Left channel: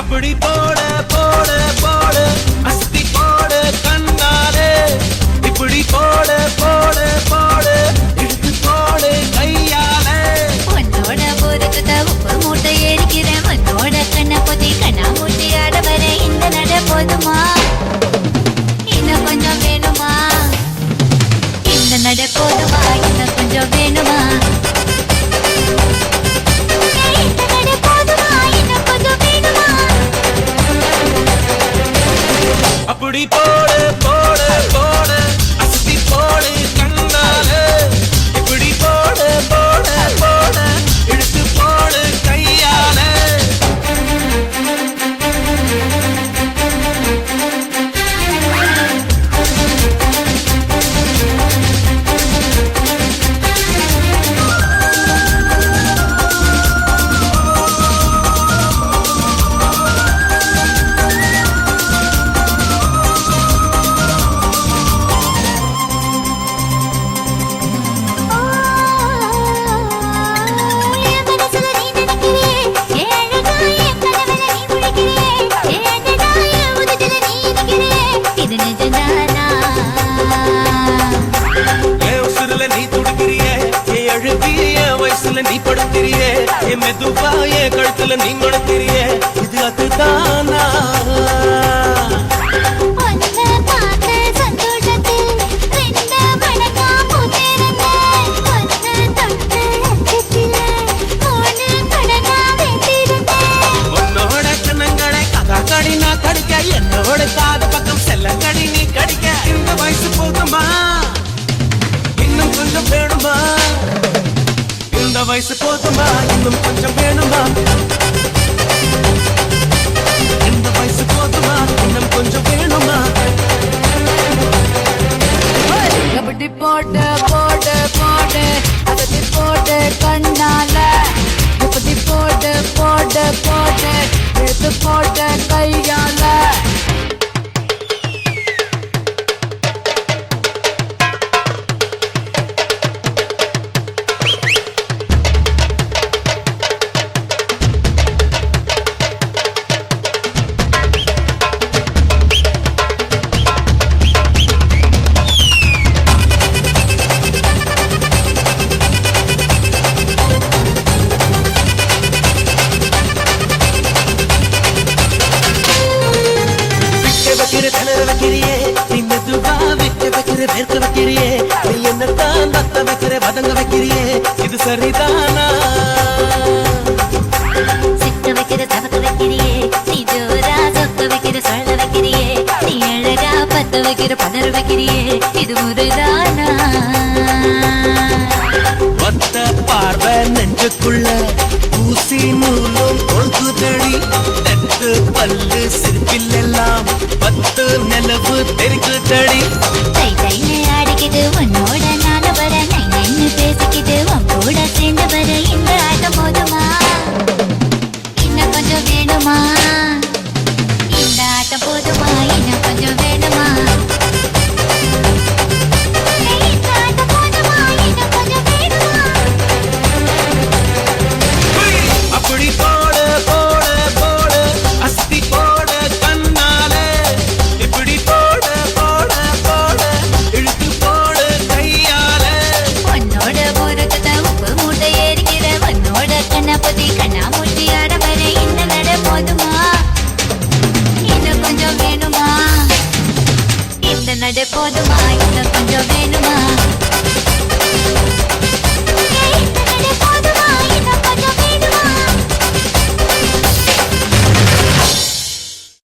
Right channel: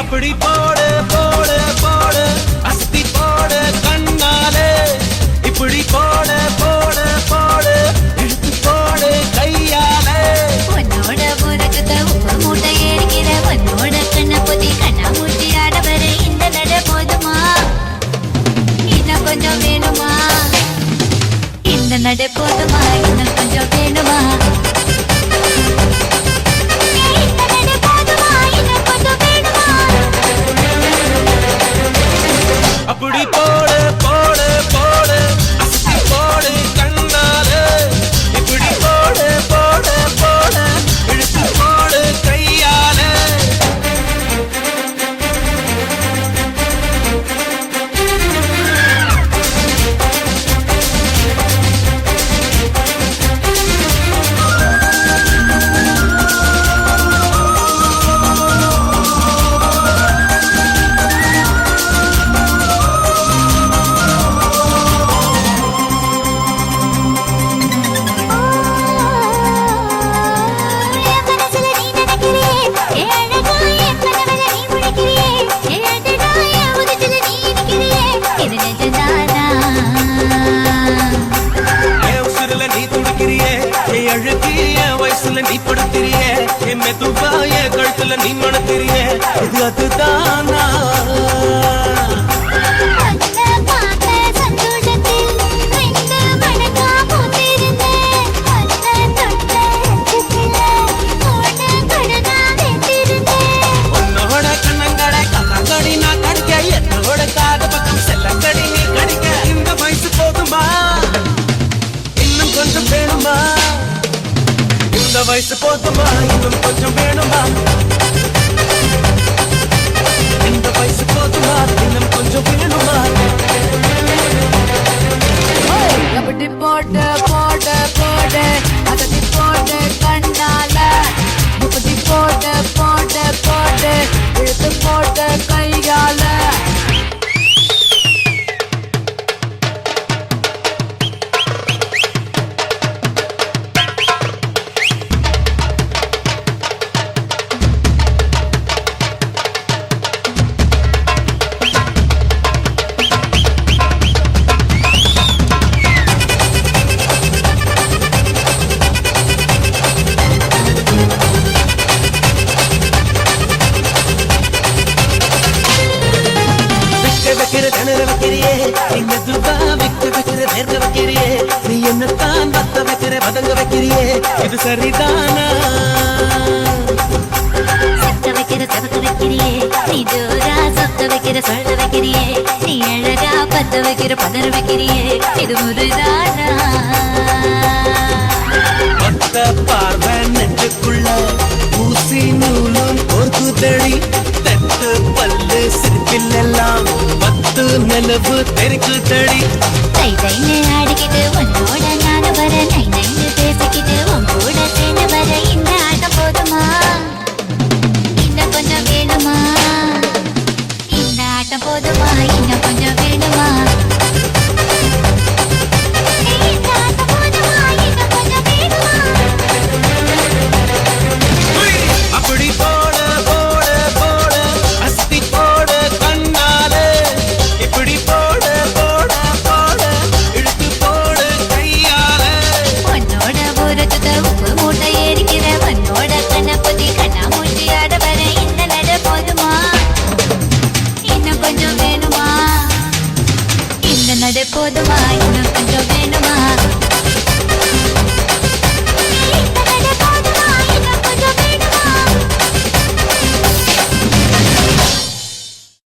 அப்படி போட போட போட அஸ்தி போட கண்ணாலே இப்படி போட போட போட போட கையாலே உன்னோட போறதுக்கு உப்பு மூட்டை ஏறிக்கிற உன்னோட கண்ண குதி கண்ணா மூச்சி ஆடவர இந்த நட போதுமா இன்னும் கொஞ்சம் வேணுமா இந்த நட போதுமா இன்னும் கொஞ்சம் வேணுமா அப்படி போட போட போட அஸ்தி போட கண்ணாலே இப்படி போட போட போட இழுத்து போட கையாலே வயசுல நீ படுத்திரியே என் மெதுவா என் கழுத்துல நீ மணத்திரியே இது அதுதானா உன்னோட கண்ணங்களை கலாக்கடி நான் கடிக்க என்னோட காது பக்கம் செல்லக்கடி நீ கடிக்க இந்த வயசு போதுமா இன்னும் கொஞ்சம் வேணுமா இந்த வயசு போதுமா இன்னும் கொஞ்சம் வேணுமா இந்த வயசு போதுமா இன்னும் கொஞ்சம் வேணுமா அப்படி போட்டு போட்டு போட்டு அப்படி போட்டு கண்ணால இப்படி போட்டு போட்டு போட்டு எடுத்து போட்டு கையால இது சரிதானா சித்த வைக்கிற சபத்து வைக்கிறியே நீ ஜோரா சொத்து வைக்கிற சொல்ல வைக்கிறியே நீ அழகா பத்து வைக்கிற பதற வைக்கிறியே இது முறைதானா பத்த பார்வை நெஞ்சுக்குள்ள ஊசி நூலும் பொழுதுதடி தட்டு பல்லு சிறுக்கில்லாம் பத்து நிலவு தெரிக்குதடி தை தையை ஆடிக்கிட்டு உன்னோட